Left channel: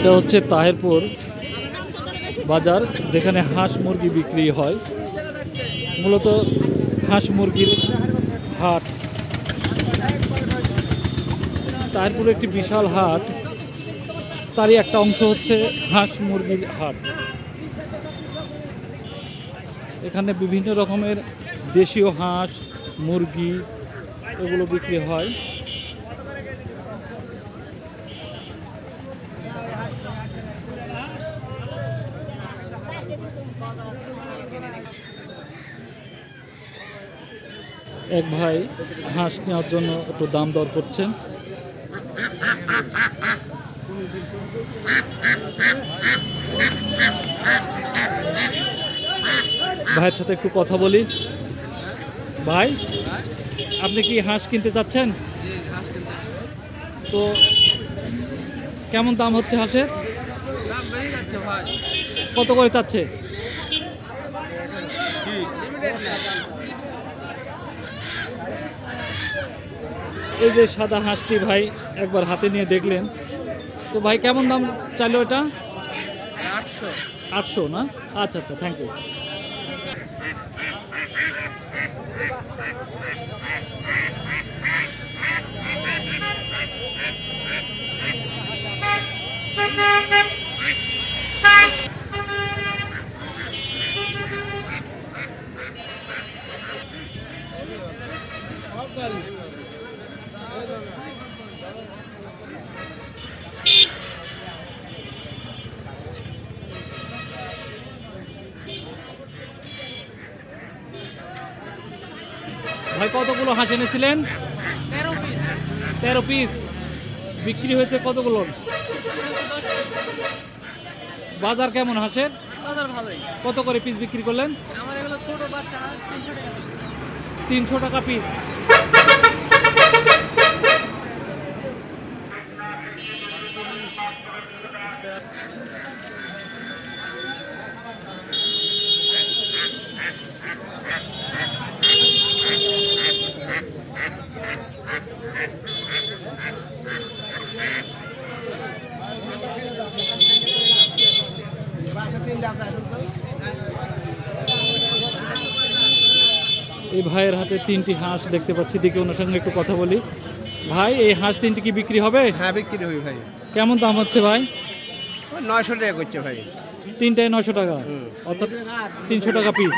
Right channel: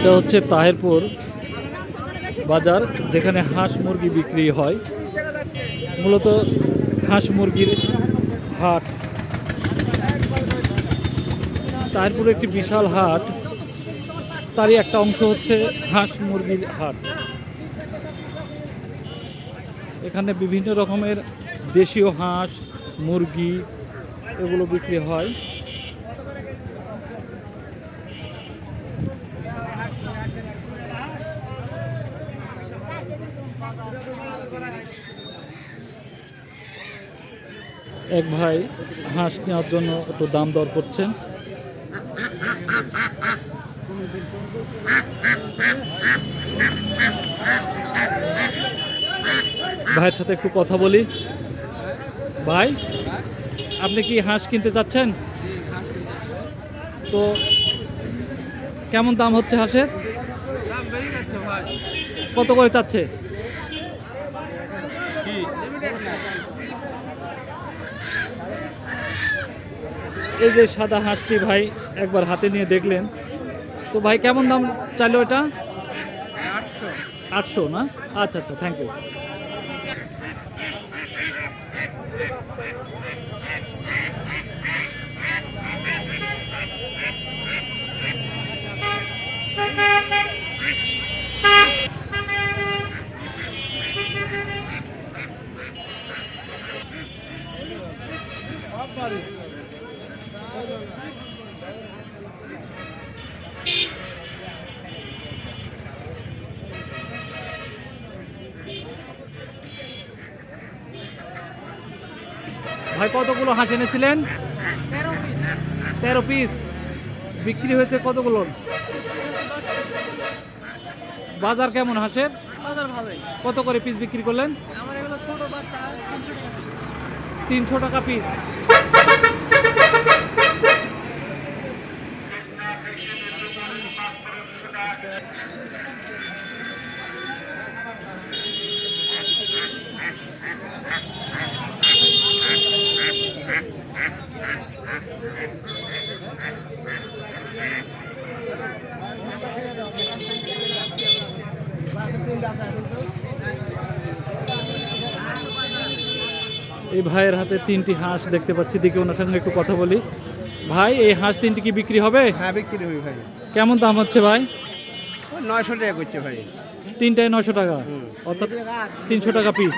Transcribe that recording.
এটা হচ্ছে তাহেরপুর বাজার, যেখানে হাঁস মুরগি বিক্রি হয়। মূলত হাঁস মুরগির হাট। তাহেরপুর একটি বিশাল হাট। তারই একটা অংশ হচ্ছে হাঁস মুরগির হাট। এখানে বিভিন্ন রকমের দেশীয় হাঁস, মুরগি এগুলো বিক্রি হয়। এক ভাই হাঁস নেওয়ার জন্য একটু দাম দর করছেন। ভাইয়ের সাথে একটু কথা বলি। ভাই আপনি কি হাঁস কিনতে চাচ্ছেন? তো কেমন দাম হচ্ছে হাঁসের? কত করে চাচ্ছে? এই যে সাদা হাঁসটি ভাই একবার হাতে নিয়ে দেখলেন। তো ভাই কেমন দাম চাইলো এটা? আটশো। আটশো না? আচ্ছা আচ্ছা থ্যাংক ইউ ভাই কতগুলো হাঁস এনেছিলেন? তেরো পিস। বিক্রি হয়েছে কতগুলো বাজার কেমন হাঁসের? বাজার ভালোই। কত করে পিস বিক্রি করলেন? আমার এগুলো ছোট বাচ্চা তিনশো টাকা পিস। এই ভাইয়ের হাতে তিনটি হাঁস দেখতে পাচ্ছি। দেখে ওনার সঙ্গে একটু কথা বলি। ভাই এই হাঁস তিনটি কি বিক্রি হবে? হ্যাঁ বিক্রি হবে ভাই। কেমন দাম হচ্ছে ভাই? নয়শো টাকা করছে ভাই। তিনটায় নশো টাকা। অর্থাৎ তিনশো টাকা পিস